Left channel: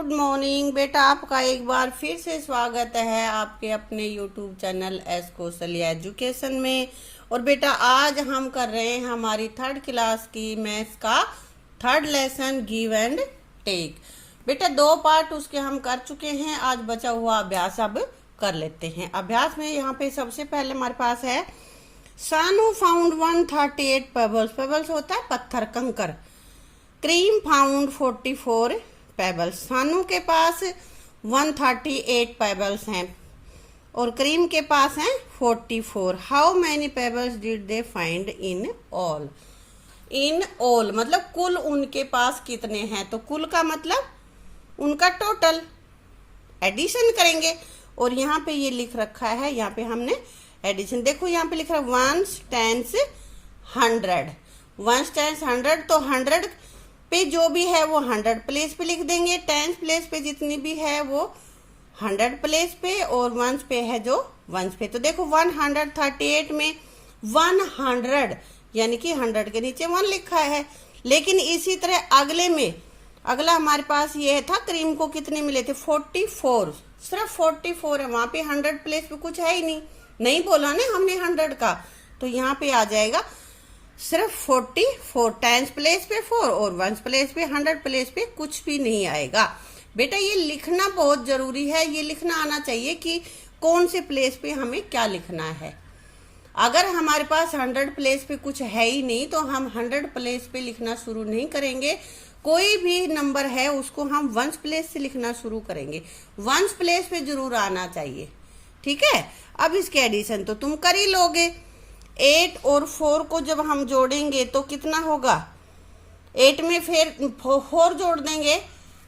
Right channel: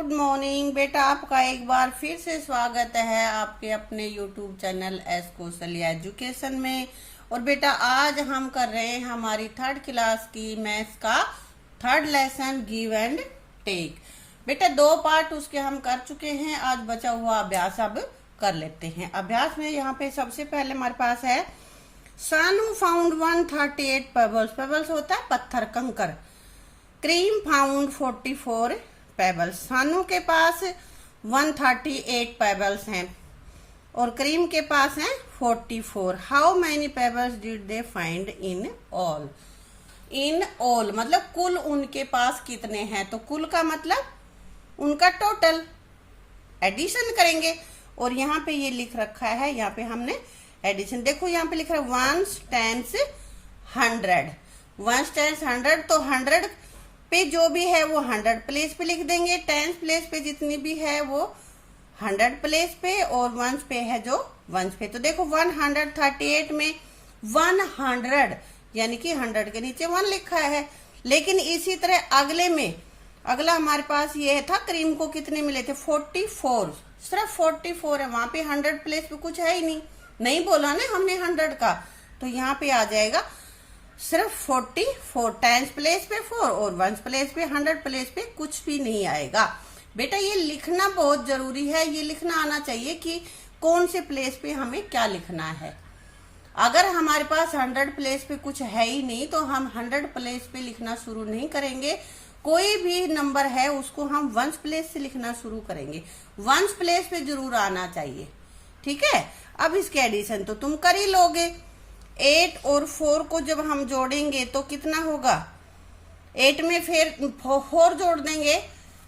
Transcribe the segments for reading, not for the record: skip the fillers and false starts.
Good morning बेटा, आपका एक बार फिर से स्वागत है आपके अपने YouTube channel S Kaushalya education में। और बेटा आज हम कर रहे हैं हमारी थर्ड क्लास की मैथ्स का third lesson give and take. बेटा 2 पार्ट उसके हम कर चुके हैं, आज बचा हुआ अभ्यास अब कर लेते हैं। अभ्यास में यहाँ पे सबसे पहले हमारे पास है सानू फाउंड 138 पेबल्स। पेबल्स होता है पत्थर कंकर। Kareem found 44 pebbles. सानू के पास 138 पेबल्स हैं और क्रीम के पास हैं 44। How many pebbles did they find in all. In all मतलब कुल उनके पास कितने हैं, तो कुल का मतलब उनका टोटल एडिशन करेंगे। और यहाँ पे ये लिख रखा है, यहाँ पे हमने एडिशन देखो, यहाँ पे लिखा है वंस टेंस 100। वंस टेंस 100, तो 100 पे जो भी है वो 100 प्लेस पे लिख देंगे। टेंस प्लेस पे जितनी भी है वो 100 प्लेस पे, और वंस पे है जो वंस पे। तो देखो 138 में 100 यानी कि 100 के नीचे 1 लिखा है। लेकिन इसी तरह अगले में अगला हमारे पास ये था, क्रीम को कितने मिले थे 44, सिर्फ 44 है। वहां पे 100 प्लेस पे कुछ है ही नहीं बोला ना हमने 100 का, तो यहाँ पे आ जाएगा सिर्फ 44। टेंस प्लेस पे 4 और वंस प्लेस पे 100 प्लेस पे कुछ भी नहीं आएगा। बेटा ये लिखना बहुत जरूरी है, ये लिखना आना चाहिए कि कौन से प्लेस पे हमें क्या लिखना है। अगर हमारे पास 100 प्लेस पे कुछ है ही नहीं तो हम 100 प्लेस पे लिखना शुरू नहीं करेंगे। कोई भी नंबर है उसको हम वंस प्लेस से लिखना शुरू करेंगे। वंस प्लेस पे जरूर आना चाहिए, ठीक है। अब इसके एडिशन तो तुम कर ही लोगे। 8 और 4 को जब हम जोड़ेंगे तो कितना होगा, 8 में फिर 4 जोड़ देंगे।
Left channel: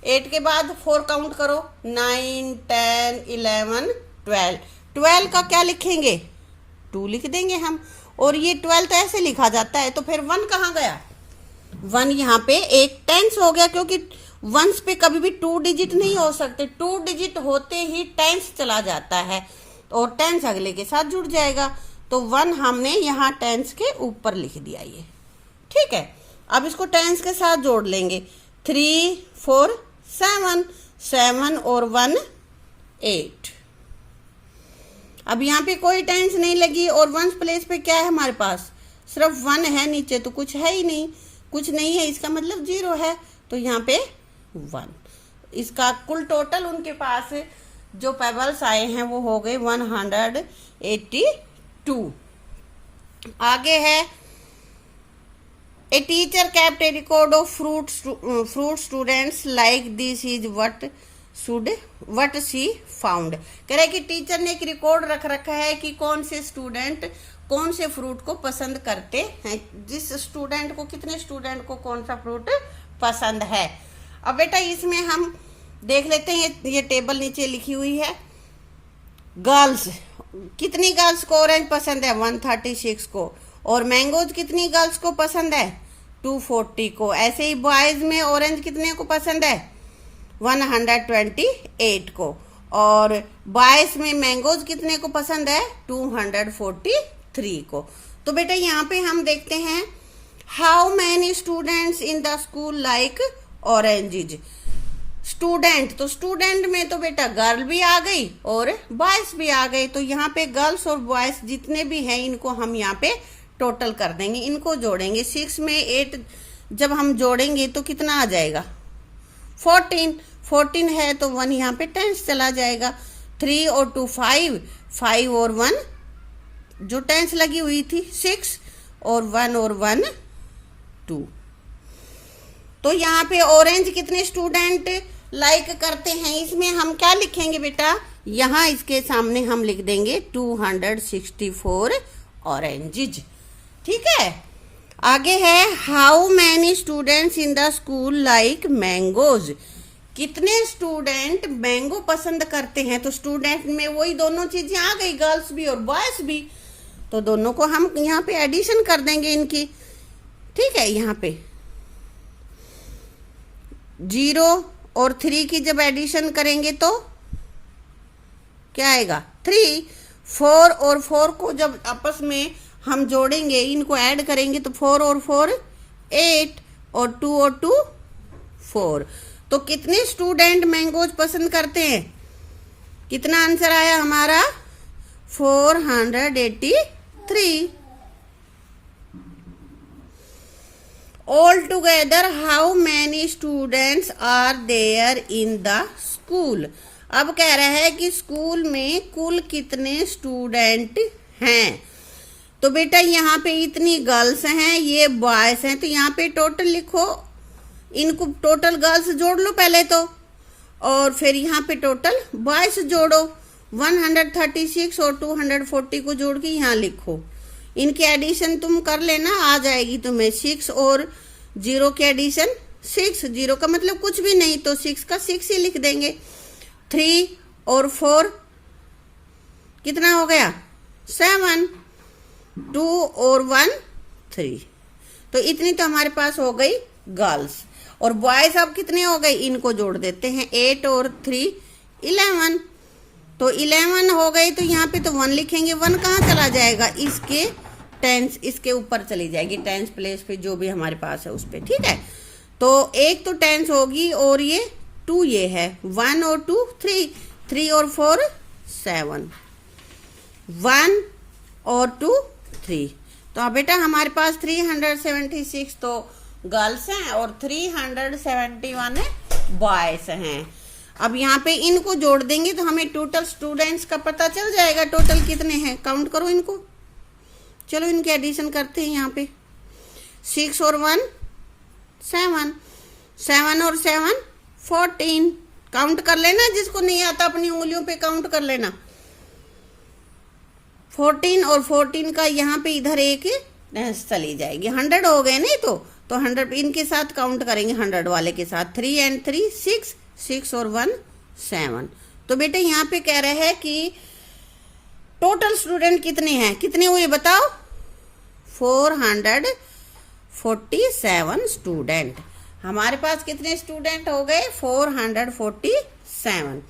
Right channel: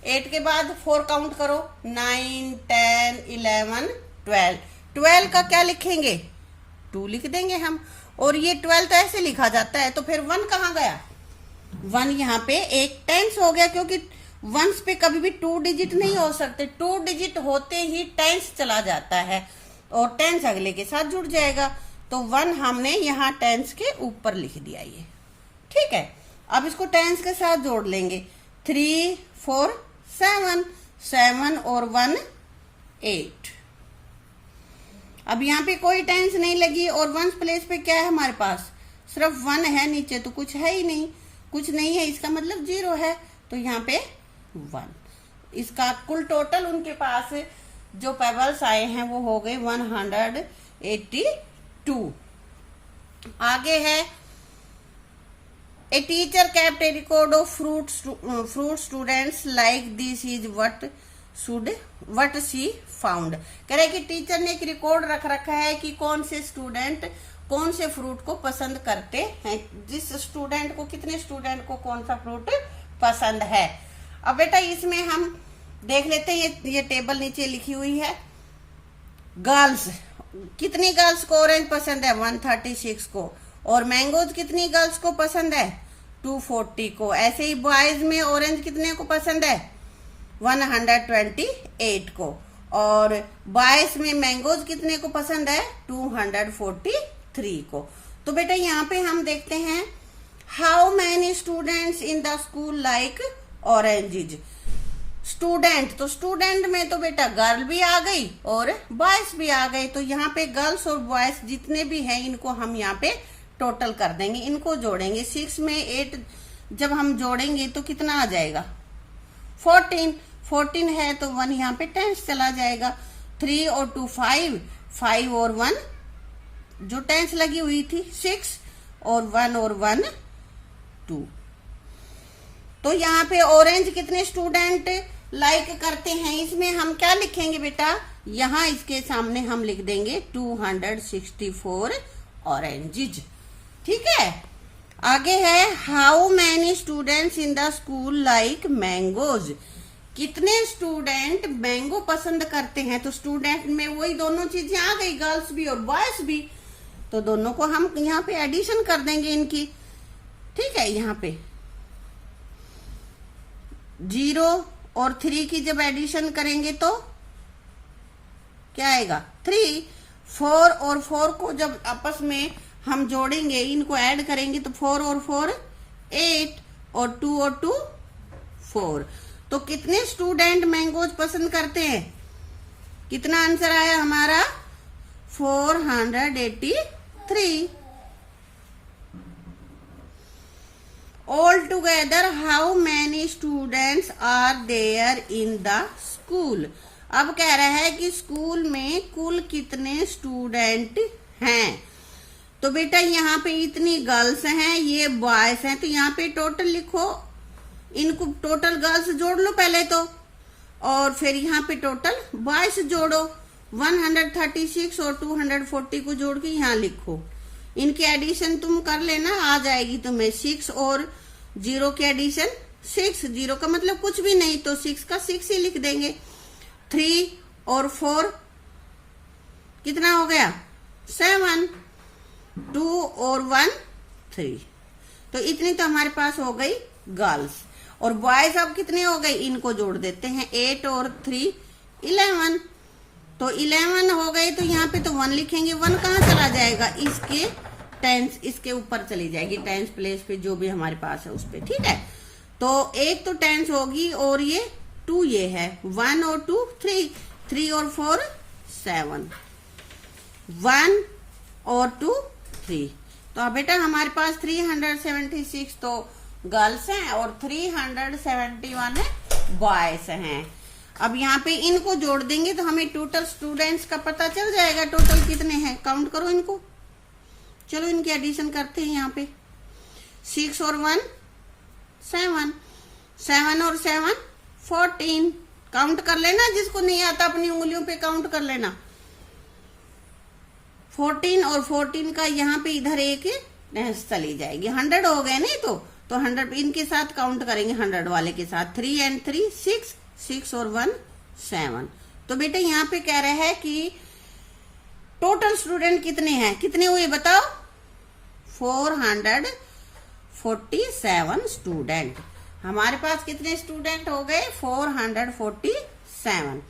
8 के बाद 4 काउंट करो, 9 10 11 12। 12 का क्या लिखेंगे, 2 लिख देंगे हम। और ये 12 तो ऐसे लिखा जाता है, तो फिर 1 कहाँ गया, 1 यहाँ पे एक टेंस हो गया, क्योंकि वंस पे कभी भी 2 डिजिट नहीं हो सकते। 2 डिजिट होते ही टेंस चला जाता है और टेंस अगले के साथ जुड़ जाएगा। तो 1 हमने यहाँ टेंस के ऊपर लिख दिया, ये ठीक है। अब इसको टेंस के साथ जोड़ लेंगे, 3 4 7, 7 और 1 8। अब यहाँ पे कोई टेंस नहीं लगी और वंस प्लेस पे क्या है हमारे पास, सिर्फ 1 है, नीचे तो कुछ है ही नहीं, कुछ नहीं है, इसका मतलब 0 है। तो यहाँ पे 1। इसका कुल टोटल उनके पास जो पेबल्स आए हैं वो हो गए 182। आगे है a teacher kept A record of fruit students like this is what she found. कह रहे कि टीचर ने एक रिकॉर्ड रख रखा है कि कौन से स्टूडेंट कौन से फ्रूट को पसंद करते हैं, जिस स्टूडेंट को कितने स्टूडेंट को कौन सा फ्रूट पसंद है। अब बेटा इसमें हम देख लेते हैं, ये टेबल नीचे लिखी हुई है। गर्ल्स, कितनी गर्ल्स को ऑरेंज पसंद है, 136 को। और मैंगोज कितनी गर्ल्स को पसंद है, 240 को। ऐसे ही बॉयज में ऑरेंज कितने को पसंद है, 128 को। और बॉयज में मैंगोज कितने को पसंद है, 243 को। तो बेटा यहाँ पे हम देखते हैं how many students in the school like oranges. Student, तो स्टूडेंट में तो बेटा गर्ल भी आ गई और बॉयज भी आ गए। तो यहाँ पे गर्ल्स और बॉयज जितने भी हैं इनको हम यहाँ पे टोटल कर देंगे, इनको जोड़ेंगे। 6 में 8 जब हम जोड़ेंगे तो कितना आ जाएगा, 14 है, तो 1 यहाँ पे टेंस चला जाएगा। 3 और 2 5, 5 और 1 जो टेंस लगी हुई थी 6, और 1 और 1 2। तो यहाँ पे ऑरेंज कितने स्टूडेंट लाइक करते हैं, इसमें हम क्या लिखेंगे बेटा, यहाँ इसके सामने हम लिख देंगे 264 ऑरेंजेज, ठीक है। आगे है how many students in the school like mangoes. कितने स्टूडेंट मैंगो पसंद करते हैं। तो स्टूडेंट में वही दोनों चीजें आ गई, गर्ल्स भी और बॉयज भी, तो दोनों को हम यहाँ पे एडिशन कर देंगे इनकी, ठीक है। यहाँ पे 0 और 3 की जब एडिशन करेंगे तो क्या आएगा, 3। 4 और 4 को जब आपस में हम जोड़ेंगे, इनको ऐड करेंगे तो 4 और 4 8, और 2 और 2 4। तो कितने स्टूडेंट मैंगोज पसंद करते हैं? कितना आंसर आया हमारा? 483। All together how many students are there in the school? अब कह रहा है कि स्कूल में कुल कितने स्टूडेंट हैं। तो बेटा यहाँ पे इतनी गर्ल्स हैं, ये बॉयज हैं, तो यहाँ पे टोटल लिखो, इनको टोटल गर्ल्स जोड़ लो पहले तो, और फिर यहाँ पे टोटल बॉयज जोड़ो। 136 और 240 को जोड़ के यहाँ लिखो। इनके एडिशन तुम कर लेना, आ जाएगी तुम्हें। 6 और 0 के एडिशन 6, 0 का मतलब कुछ भी नहीं, तो 6 का 6 ही लिख देंगे। 3 और 4 कितना हो गया? 7। 2 और 1 3। तो इतनी तो हमारे पास हो गई गर्ल्स। और बॉयज अब कितने हो गए? इनको जोड़ देते हैं। 8 और 3 11। तो 11 हो गए, तो यहाँ पे तो 1 लिखेंगे। 1 कहाँ चला जाएगा? इसके टेंस, इसके ऊपर चली जाएगी, टेंस प्लेस पे जो भी हमारे पास है उस पे, ठीक है। तो एक तो टेंस होगी, और ये 2 ये है। 1 और 2 3, 3 और 4 7, 1 और 2 3। तो अब बेटा हमारे पास 376 तो गर्ल्स हैं और 371 बॉयज हैं। अब यहाँ पे इनको जोड़ देंगे तो हमें टोटल स्टूडेंट्स का पता चल जाएगा। टोटल कितने हैं, काउंट करो इनको। चलो इनके एडिशन करते हैं। यहाँ पे 6 और 1 7, 7 और 7 14। काउंट कर लेना, जिसको नहीं आता अपनी उंगलियों पे काउंट कर लेना। 14 और 14 का यहाँ पे इधर एक चली जाएगी। 100 हो गए नहीं तो 100 इनके साथ काउंट करेंगे, 100 वाले के साथ। 3 और 3 6, 6 और 1 7। तो बेटा यहाँ पे कह रहा है कि टोटल स्टूडेंट कितने हैं, कितने हुए बताओ? 447 स्टूडेंट। हमारे पास कितने स्टूडेंट हो गए? 447।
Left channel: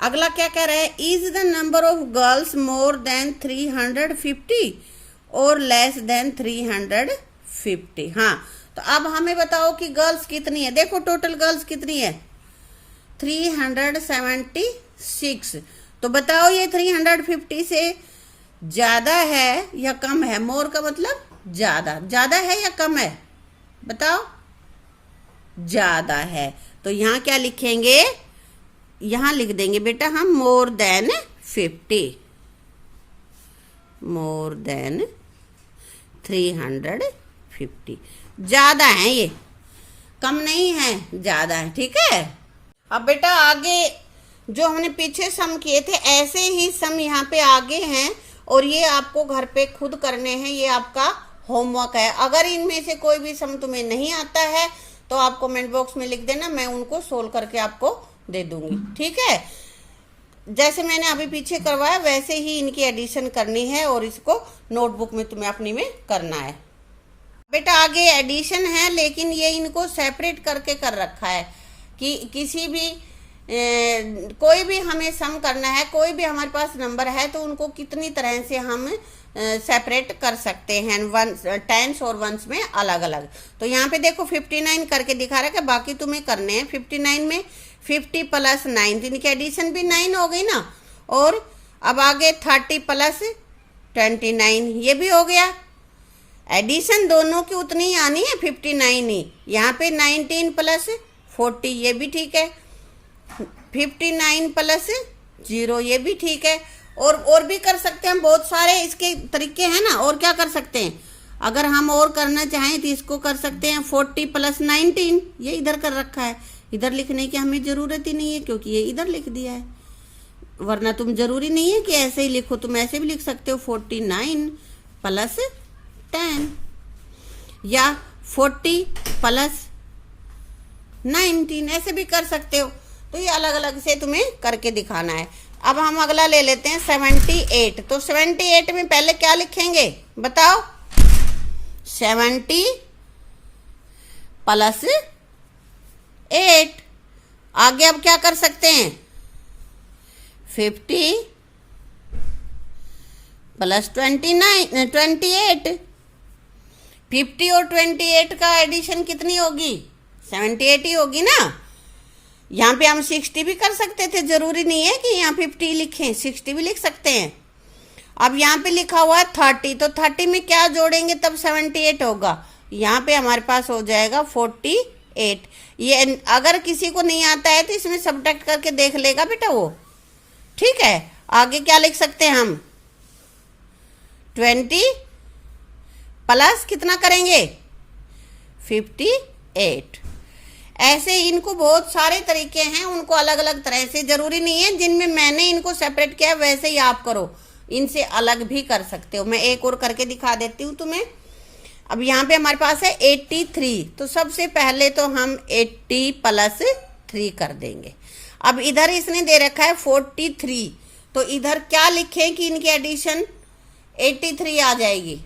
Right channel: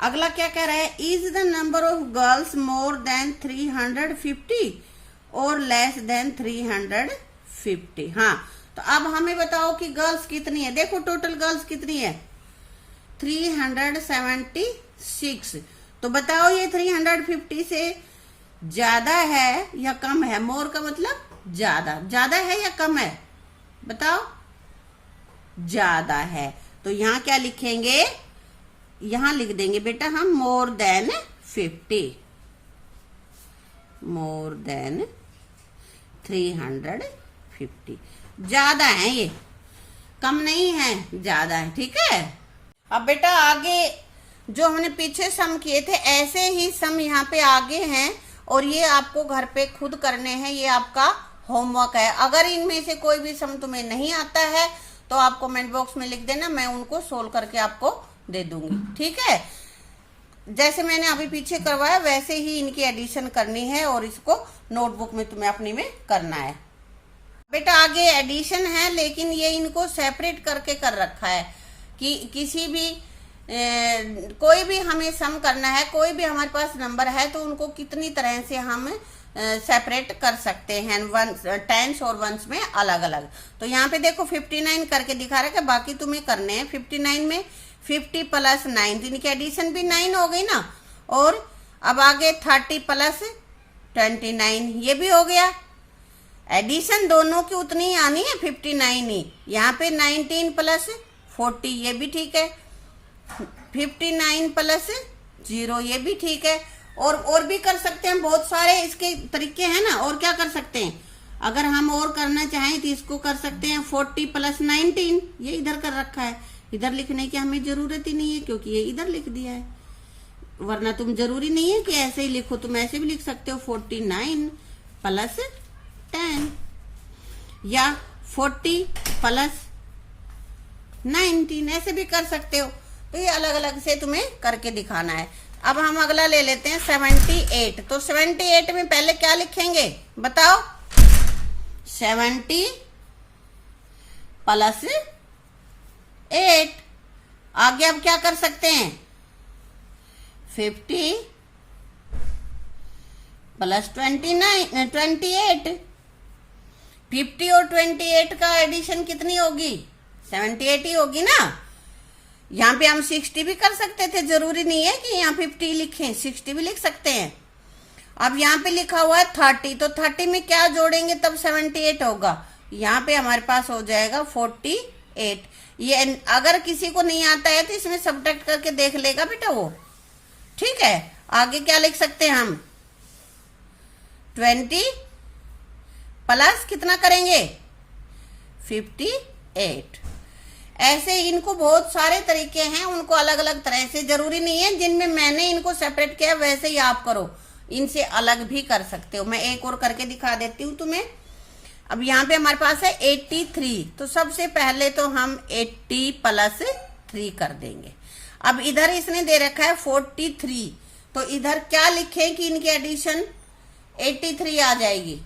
अगला क्या कह रहा है? Is the number of girls more than 350 और लेस देन 350? हाँ, तो अब हमें बताओ कि गर्ल्स कितनी है। देखो टोटल गर्ल्स कितनी है? 376। तो बताओ ये 350 से ज्यादा है या कम है? मोर का मतलब ज्यादा, ज्यादा है या कम है बताओ? ज्यादा है। तो यहाँ क्या लिखेंगे? यहाँ लिख देंगे बेटा हम मोर देन 50, मोर देन 350। ज्यादा है, ये कम नहीं है, ज्यादा है, ठीक है। अब बेटा आगे जो हमने पीछे सम किए थे ऐसे ही सम यहाँ पे आगे हैं, और ये आपको घर पे खुद करने हैं, ये आपका होमवर्क है। अगर इनमें से कोई भी सम तुम्हें नहीं आता है तो आप कमेंट बॉक्स में लिख देना, मैं उनको सोल्व करके आपको दे दूंगी, ठीक है। जैसे मैंने अभी पीछे करवाया वैसे ही इनकी एडिशन करनी है, और इसको नोटबुक में तुम्हें अपनी में करना है। बेटा आगे एडिशन है, लेकिन ये इनको सेपरेट करके कर रखा है कि किसी भी कोई भी हमें सम करना है, कोई भी हमारे पास नंबर है तो उनको कितनी तरह से हम सेपरेट कर सकते हैं, टेंस और वंस में अलग अलग। तो यहाँ पे देखो 59 करके दिखा रहा है, बाकी तुम्हें करने हैं। 59 में 50 प्लस 9, तो इनकी एडिशन भी 9 हो गई ना। और अब आगे 30 प्लस 29, ये भी हो गया। एडिशन दोनों की उतनी ही आनी है, 59 ही। यहाँ पे 19 प्लस 40, ये भी ठीक है। 59 प्लस 0, ये भी ठीक है। और भी कर सकते हैं हम, बहुत सारे इसके तरीके हैं ना। और क्या कर सकते हैं, अगर हम और करना चाहें तो इसको कर सकते हैं 40 प्लस 19, ये इधर कर रखा है। इधर लिखने की हमें जरूरत ही नहीं है क्योंकि ये इधर लिख दिया है। वरना तुम जरूरी नहीं है कि ऐसे ही लिखो, तुम ऐसे भी लिख सकते हो 49 प्लस 10 या 40 प्लस 19, ऐसे भी कर सकते हो। तो ये अलग अलग से तुम्हें करके दिखाना है। अब हम अगला ले लेते हैं 78। तो 78 में पहले क्या लिखेंगे बताओ? 70 प्लस 8। आगे अब क्या कर सकते हैं? 50 प्लस 28। 50 और 28 का एडिशन कितनी होगी? 78 ही होगी ना। यहाँ पे हम 60 भी कर सकते थे, जरूरी नहीं है कि यहाँ 50 लिखें, 60 भी लिख सकते हैं। अब यहाँ पे लिखा हुआ है 30, तो 30 में क्या जोड़ेंगे तब 78 होगा। यहाँ पे हमारे पास हो जाएगा 48। ये अगर किसी को नहीं आता है तो इसमें सब्ट्रैक्ट करके देख लेगा बेटा वो। ठीक है, आगे क्या लिख सकते हैं हम, 20 प्लस कितना करेंगे 58। ऐसे इनको बहुत सारे तरीके हैं, उनको अलग अलग तरह से, जरूरी नहीं है जिनमें मैंने इनको सेपरेट किया वैसे ही आप करो, इनसे अलग भी कर सकते हो। मैं एक और करके दिखा देती हूँ तुम्हें। अब यहाँ पे हमारे पास है 83, तो सबसे पहले तो हम 80 प्लस 3 कर देंगे। अब इधर इसने दे रखा है 43, तो इधर क्या लिखें कि इनकी एडिशन 83 आ जाएगी।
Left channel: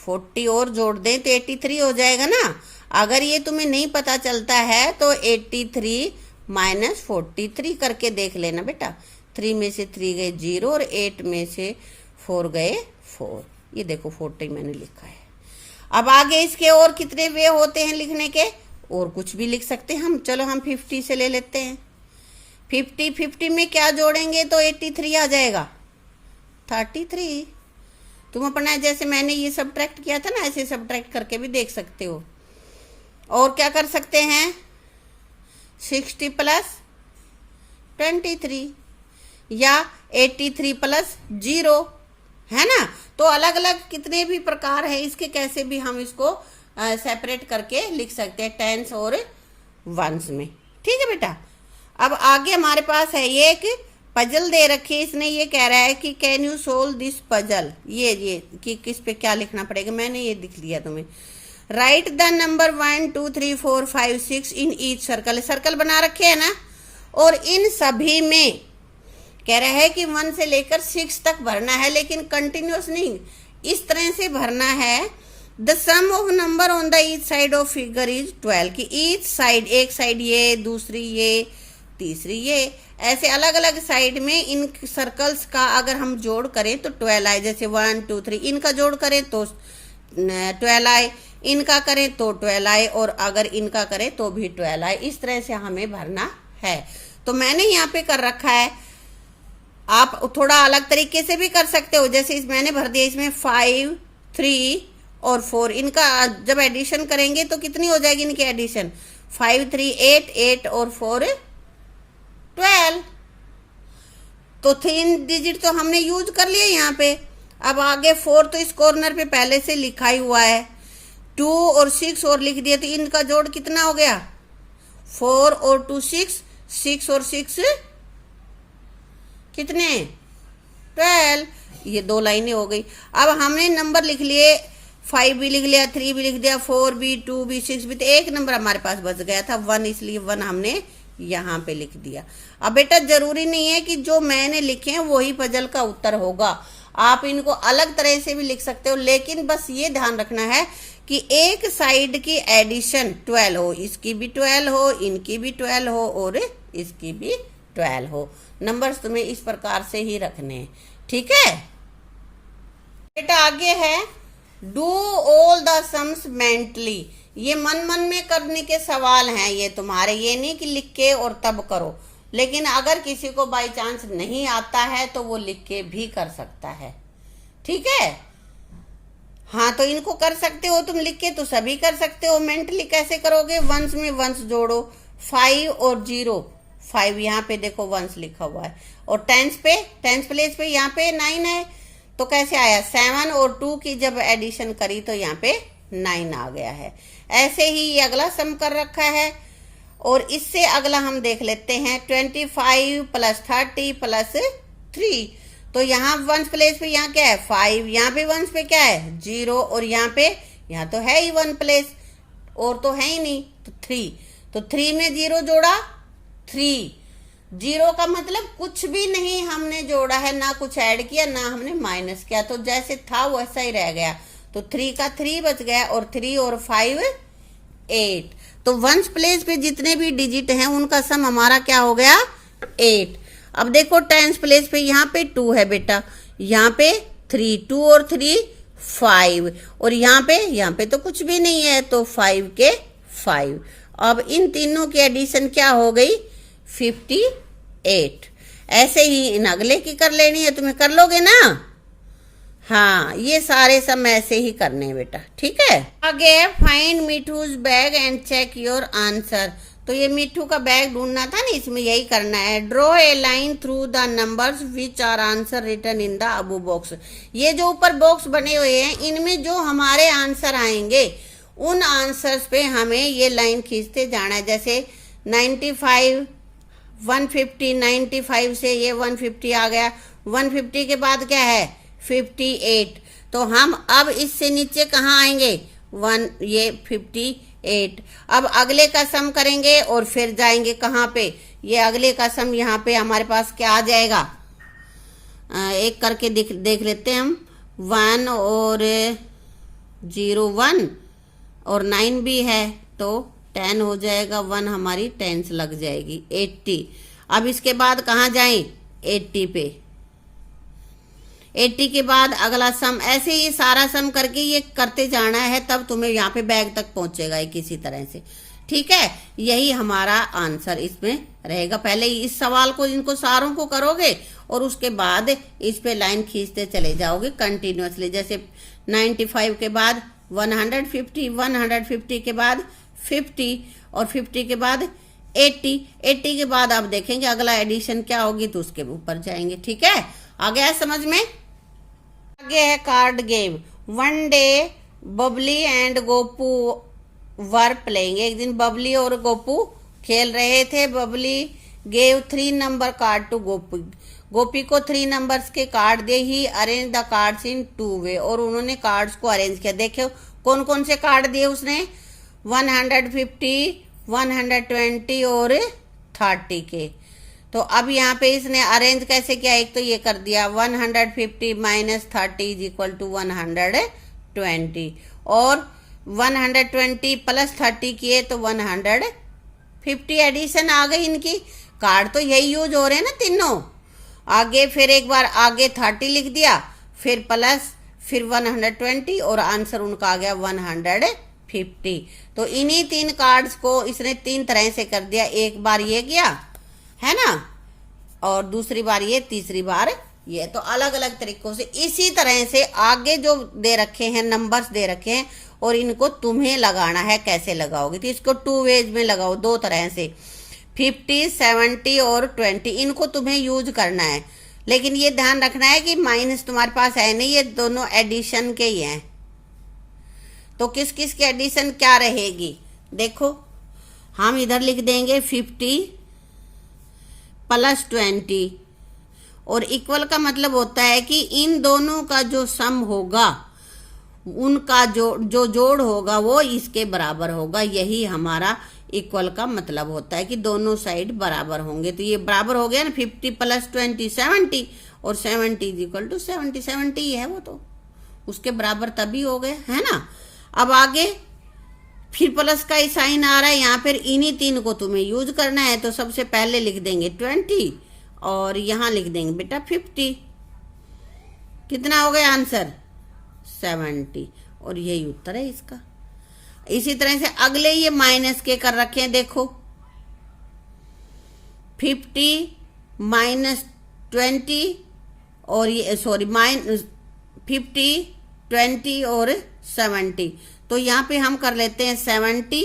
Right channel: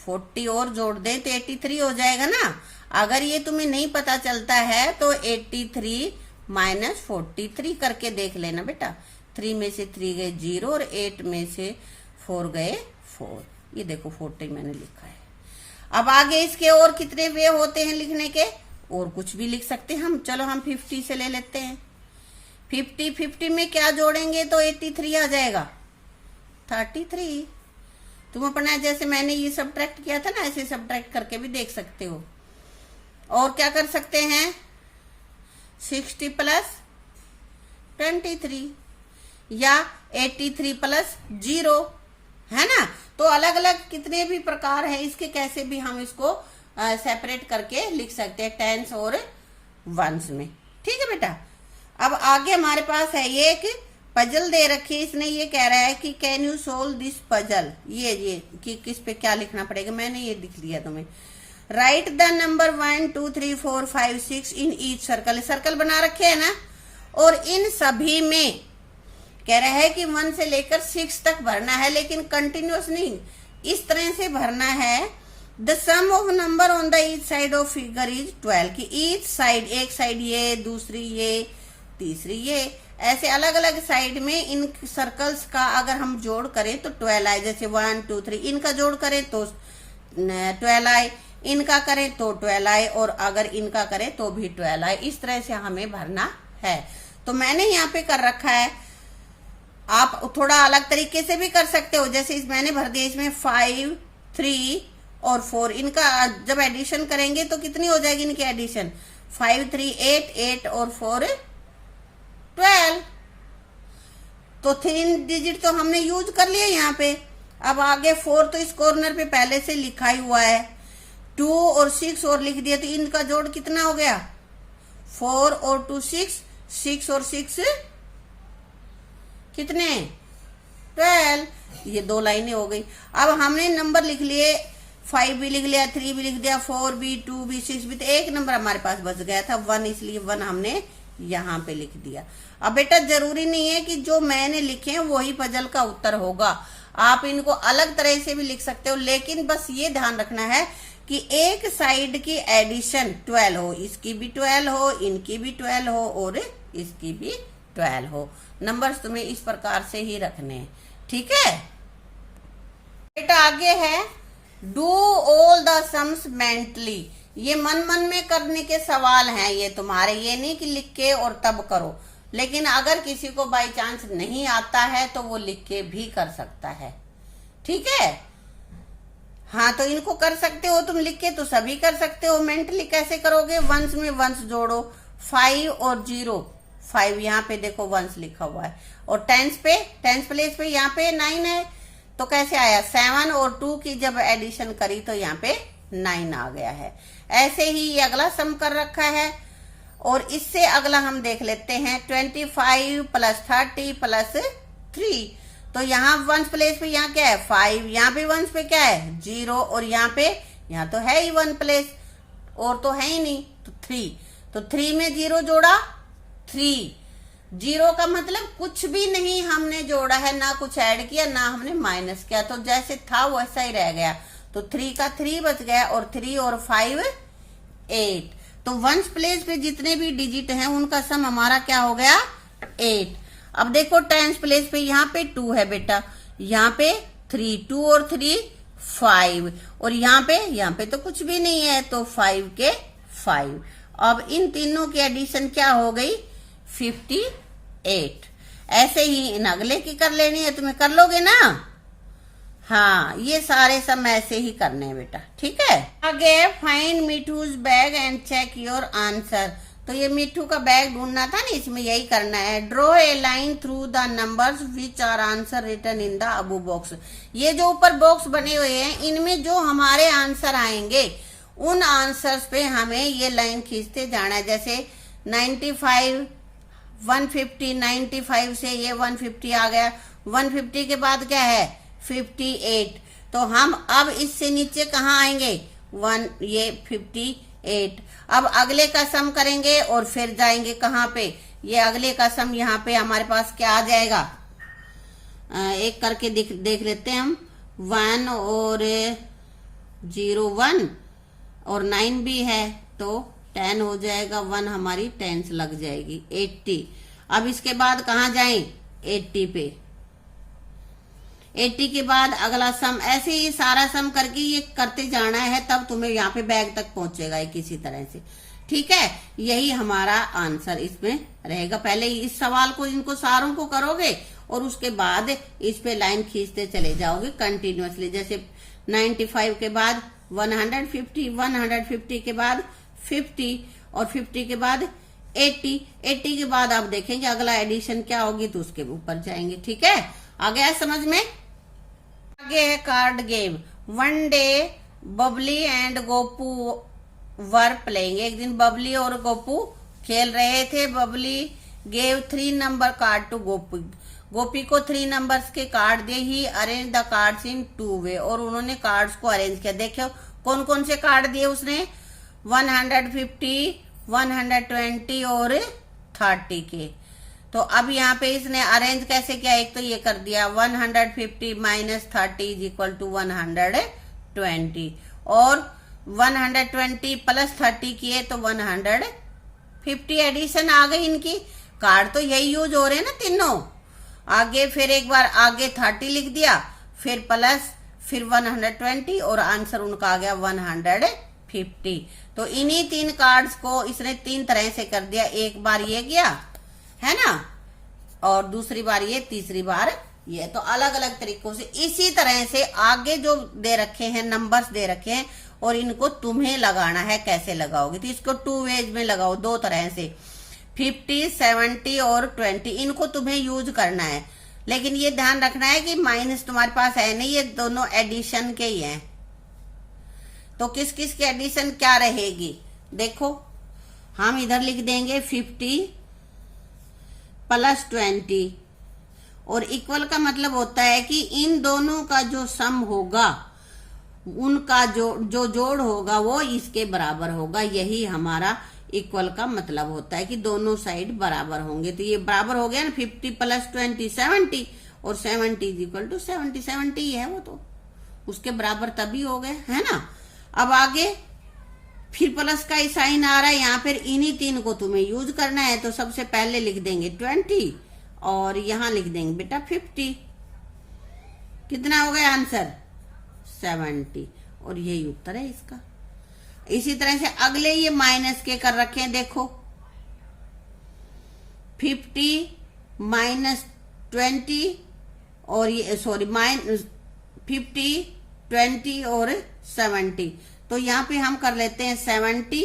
40 और जोड़ दें तो 83 हो जाएगा ना। अगर ये तुम्हें नहीं पता चलता है तो 83 माइनस 43 करके देख लेना बेटा। 3 में से 3 गए 0 और 8 में से 4 गए 4। ये देखो 40 मैंने लिखा है। अब आगे इसके और कितने वे होते हैं लिखने के, और कुछ भी लिख सकते हैं हम। चलो हम 50 से ले लेते हैं। 50 में क्या जोड़ेंगे तो 83 आ जाएगा, 33। तुम अपना जैसे मैंने ये सब्ट्रैक्ट किया था ना, ऐसे सब्ट्रैक्ट करके भी देख सकते हो। और क्या कर सकते हैं, 60 प्लस 23 या 83 प्लस 0, है ना। तो अलग अलग कितने भी प्रकार है इसके, कैसे भी हम इसको सेपरेट करके लिख सकते हैं, टेंस और वंस में। ठीक है बेटा। अब आगे हमारे पास है ये एक पजल दे रखी है, इसने ये कह रहा है कि can you solve this puzzle. ये कि किस पे क्या लिखना पड़ेगा, मैंने ये लिख लिया तुम्हें। Right the number 1 2 3 4 5 6 in each circle. Circle बना रखे है ना, और इन सभी में कह रहा है कि 1 से लेकर 6 तक भरना है, लेकिन कंटिन्यूअस नहीं, इस तरह से भरना है। The sum of number on the each side of figure is 12, की ईच साइड, एक साइड ये, दूसरी ये, तीसरी ये, ऐसे अलग अलग साइड में इन सर्कल्स का अगर हम जोड़ करें तो 12 आए। जैसे 1 2 3 इनका जोड़ करें तो 12 आए, इनका करें तो 12 आए, और अगर इनका करें तो भी 12 आए। इस तरह से हमें भरना है। तो मैंने यहाँ पे कर रखा है, आप थोड़ा अलग तरीके से भी कर सकते हो। जैसे मैंने भर दिया इसमें 5 3 और 4, इनका जब एडिशन करेंगे तो कितनी हो जाएगी इनकी एडिशन, 5 3 8 8 और 4 12। तो 3 डिजिट तो हमने यूज कर लिए यहाँ पे। अब आगे 4 तो इस कॉर्नर पे पहले से लिखा ही हुआ है, 2 और 6 और लिख दिया, तो इनका जोड़ कितना हो गया, 4 और 2 6, 6 और 6 कितने 12। ये 2 लाइनें हो गई। अब हमने नंबर लिख लिए, 5 भी लिख लिया, 3 भी लिख दिया, 4 भी, 2 भी, 6 भी, तो एक नंबर हमारे पास बच गया था 1, इसलिए 1 हमने यहाँ पे लिख दिया। अब बेटा जरूरी नहीं है कि जो मैंने लिखे हैं वही पजल का उत्तर होगा, आप इनको अलग तरह से भी लिख सकते हो, लेकिन बस ये ध्यान रखना है कि एक साइड की एडिशन 12 हो, इसकी भी 12 हो, इनकी भी 12 हो और इसकी भी 12 हो। नंबर्स तुम्हें इस प्रकार से ही रखने हैं। ठीक है बेटा। आगे है do all the sums mentally. ये मन मन में करने के सवाल हैं ये तुम्हारे, ये नहीं कि लिख के और तब करो। लेकिन अगर किसी को बाई चांस नहीं आता है तो वो लिख के भी कर सकता है। ठीक है, हाँ तो इनको कर सकते हो तुम लिख के, तो सभी कर सकते हो। मेंटली कैसे करोगे, वंस में वंस जोड़ो, 5 और 0, 5 यहाँ पे देखो वंस लिखा हुआ है, और टेंस प्लेस पे यहाँ पे 9 है, तो कैसे आया, 7 और 2 की जब एडिशन करी तो यहाँ पे 9 आ गया है। ऐसे ही ये अगला सम कर रखा है, और इससे अगला हम देख लेते हैं 25 प्लस 30 प्लस 3। तो यहाँ वंस प्लेस पे यहाँ क्या है 5, यहाँ पे वंस पे क्या है 0, और यहाँ तो है ही 1 प्लेस, और तो है ही नहीं, तो 3। तो 3 में 0 जोड़ा 3, 0 का मतलब कुछ भी नहीं हमने जोड़ा है, ना कुछ ऐड किया ना हमने माइनस किया, तो जैसे था वैसा ही रह गया। तो 3 का 3 बच गया, और 3 और 5 8। तो वंस प्लेस पे जितने भी डिजिट हैं उनका सम हमारा क्या हो गया 8। अब देखो टेंस प्लेस पे यहाँ पे 2 है बेटा, यहाँ पे 3, 2 और 3 5, और यहाँ पे तो कुछ भी नहीं है, तो 5 के 5। अब इन तीनों की एडिशन क्या हो गई 58। ऐसे ही इन अगले की कर लेनी है, तुम्हें कर लोगे ना। हाँ, ये सारे सब ऐसे ही करने हैं बेटा, ठीक है। आगे find Mithu's bag and check your answer. तो ये मिठू का बैग ढूंढना था ना, इसमें यही करना है। Draw a line through the numbers which are answer written in the above box. ये जो ऊपर बॉक्स बने हुए हैं, इनमें जो हमारे आंसर आएंगे उन आंसर्स पे हमें ये लाइन खींचते जाना है। जैसे 95, 150, 95 से ये 150 आ गया, 150 के बाद क्या है 58। तो हम अब इससे नीचे कहाँ आएंगे, ये 58। अब अगले का सम करेंगे और फिर जाएंगे कहाँ पे, ये अगले का सम यहाँ पे हमारे पास क्या आ जाएगा, एक करके देख लेते हैं हम। 1 और 0 1 और 9 भी है तो 10 हो जाएगा, 1 हमारी 10 लग जाएगी 80। अब इसके बाद कहाँ जाएं, 80 पे। 80 के बाद अगला सम, ऐसे ही सारा सम करके ये करते जाना है, तब तुम्हें यहाँ पे बैग तक पहुंचेगा किसी तरह से, ठीक है। यही हमारा आंसर इसमें रहेगा। पहले इस सवाल को, इनको सारों को करोगे और उसके बाद इस पे लाइन खींचते चले जाओगे कंटिन्यूअसली। जैसे 95 के बाद 150, 150 के बाद 50 और 50 के बाद 80, 80 के बाद आप देखेंगे अगला एडिशन क्या होगी तो उसके ऊपर जाएंगे, ठीक है। आ गया समझ में। आगे है card game. One day Babli and Gopu were playing. एक दिन बबली और गोपू खेल रहे थे। Babli gave 3 number card to Gopi. Gopi को 3 नंबर्स के कार्ड दे। He arrange the cards in 2 way. और उन्होंने कार्ड्स को अरेंज किया। देखो कौन कौन से कार्ड दिए उसने, 150, 120 और 30 के। तो अब यहाँ पे इसने अरेंज कैसे किया, एक तो ये कर दिया 150 माइनस 30 इज इक्वल टू 120 और 120 प्लस 30 किए तो 150 एडिशन आ गई इनकी। कार्ड तो यही यूज हो रहे हैं ना तीनों। आगे फिर एक बार आगे 30 लिख दिया, फिर प्लस, फिर 120 और आंसर उनका आ गया 150। तो इन्हीं 3 कार्ड्स को इसने 3 तरह से कर दिया। एक बार ये किया है ना, और दूसरी बार ये, तीसरी बार ये। तो अलग अलग तरीकों से इसी तरह से आगे जो दे रखे हैं नंबर्स दे रखे हैं और इनको तुम्हें लगाना है। कैसे लगाओगे, तो इसको 2 वेज में लगाओ, 2 तरह से, 50, 70 और 20। इनको तुम्हें यूज करना है, लेकिन ये ध्यान रखना है कि माइनस तुम्हारे पास है नहीं, ये दोनों एडिशन के ही हैं। तो किस किस की एडिशन क्या रहेगी, देखो हम इधर लिख देंगे 50 प्लस 20 और इक्वल का मतलब होता है कि इन दोनों का जो सम होगा, उनका जो जोड़ होगा वो इसके बराबर होगा। यही हमारा इक्वल का मतलब होता है कि दोनों साइड बराबर होंगे। तो ये बराबर हो गया ना, 50 प्लस 20 70 और 70 इज इक्वल टू 70। 70 ही है वो, तो उसके बराबर तभी हो गए, है ना। अब आगे फिर प्लस का साइन आ रहा है यहाँ पर, इन्हीं 3 को तुम्हें यूज करना है। तो सबसे पहले लिख देंगे 20 और यहां लिख देंगे बेटा 50। कितना हो गया आंसर, 70। और यही उत्तर है इसका। इसी तरह से अगले ये माइनस के कर रखे हैं, देखो 50 माइनस 20 और ये सॉरी माइनस 50, 20 और 70। तो यहां पे हम कर लेते हैं 70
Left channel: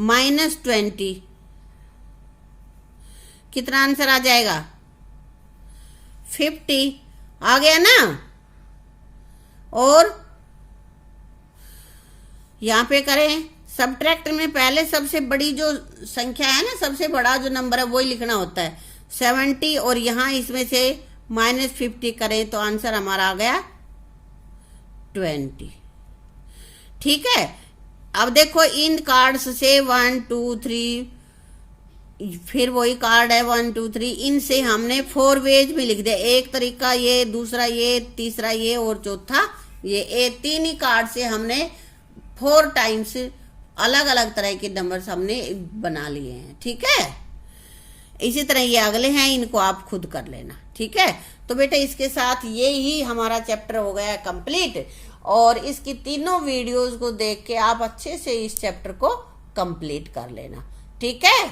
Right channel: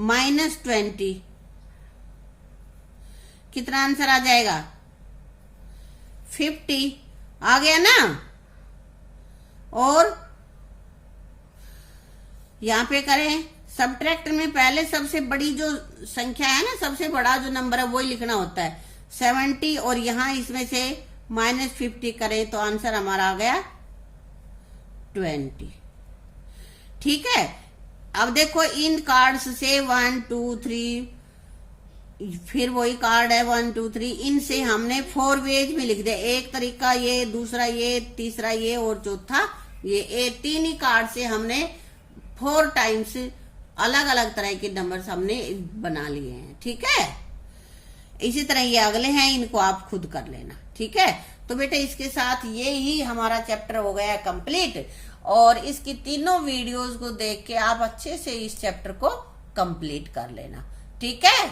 माइनस 20। कितना आंसर आ जाएगा, 50 आ गया ना। और यहां पे करें सब्ट्रैक्ट में, पहले सबसे बड़ी जो संख्या है ना, सबसे बड़ा जो नंबर है वही लिखना होता है 70। और यहां इसमें से माइनस 50 करें तो आंसर हमारा आ गया 20। ठीक है। अब देखो इन कार्ड्स से 1 2 3, फिर वही कार्ड है 1 2 3, इनसे हमने 4 वेज में लिख दिया। एक तरीका ये, दूसरा ये, तीसरा ये और चौथा ये 3 ही कार्ड से हमने 4 टाइम्स अलग अलग तरह के नंबर्स हमने बना लिए हैं। ठीक है। इसी तरह ये अगले हैं, इनको आप खुद कर लेना। ठीक है। तो बेटा इसके साथ ये ही हमारा चैप्टर हो गया कंप्लीट। और इसकी तीनों वीडियोस को देख के आप अच्छे से इस चैप्टर को कंप्लीट कर लेना। ठीक है।